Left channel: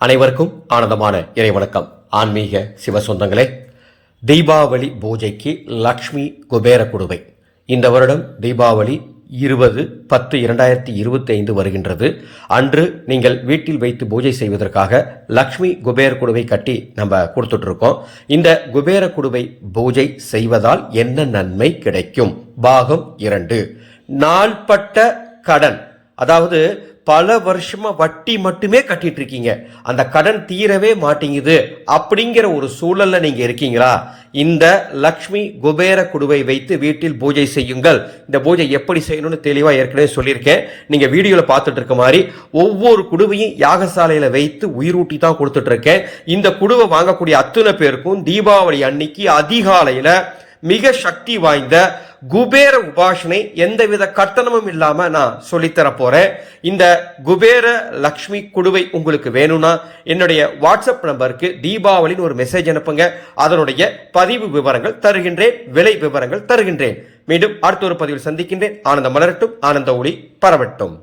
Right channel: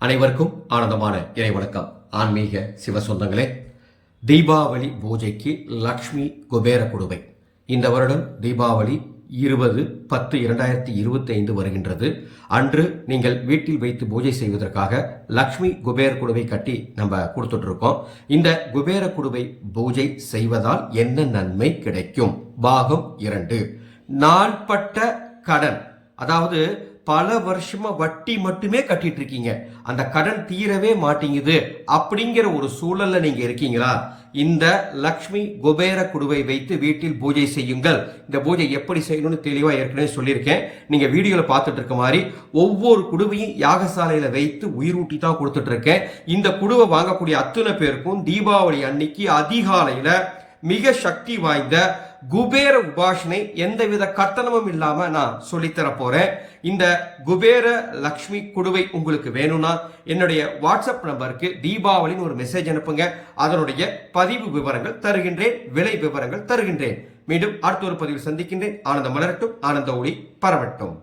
அனைவருக்கும் ஆனந்தமான இறை வணக்கம். ஆன்மீக சிவ சொந்தங்களே, தீபாவளி பூஜைக்கு லக்ஷ்மி குபேர குடுவை. இந்த வருடம் தீபாவளி 20/10/2025 வருகின்றது. அன்று நீங்கள் வீட்டில் வைத்து பூஜை செய்வதற்காக லக்ஷ்மி குபேர குடுவை கட்டி நம்ம கொடுத்துட்டு இருக்கோம். இந்த குபேர குடுவை பூஜை செய்வதால் என்ன நன்மை கிடைக்கும்? பாகம் 2. நாள்பட்ட கடன், அதாவது பல வருஷமா வட்டி மட்டுமே கட்டிட்டு இருக்கீங்க, அந்த கடன் தீரவே மாட்டேங்குது அப்படிங்கிற ஒரு சூழல்ல நீங்க இருக்கீங்களா? இந்த லக்ஷ்மி குபேர குடுவை வைத்து வீட்டில் பூஜை செய்யுங்கள். இந்த பூஜை எப்படி செய்யணும்னு தெளிவா ஏற்கனவே சொல்லியிருக்கேன். நீங்க வீடியோல பார்த்துட்டு இருக்க மாதிரி ஒவ்வொரு குடுவையும் யாகசாலையில வைத்து உயிரூட்டி தான் கொடுத்துட்டு இருக்கேன். இந்த குடுவை வாங்கக்கூடிய அத்தனை பேருக்கும் தீபாவளி அன்னைக்கு அதிகாலையில மிக சக்தி வாய்ந்த குபேர உபாசனை எந்தவித கட்டணமும் இல்லாம நான் சொல்லித்தர போறேன். இந்த குபேர லக்ஷ்மி குடுவை உங்களுக்கு வேணும்னா என்னுடைய வாட்ஸ்அப் நம்பருக்கு தீபாவளின்னு ஒரு மெசேஜ் அனுப்புங்க. அதனுடைய பதிவு விவரங்கள் தருகின்றேன், விலை விவரங்கள் தருகின்றேன். மீண்டும் அடுத்த ஒரு பதிவில் சந்திக்கின்றேன். ஆனந்தம் மலரட்டும், ஆனந்த ஒளி பரவட்டும்.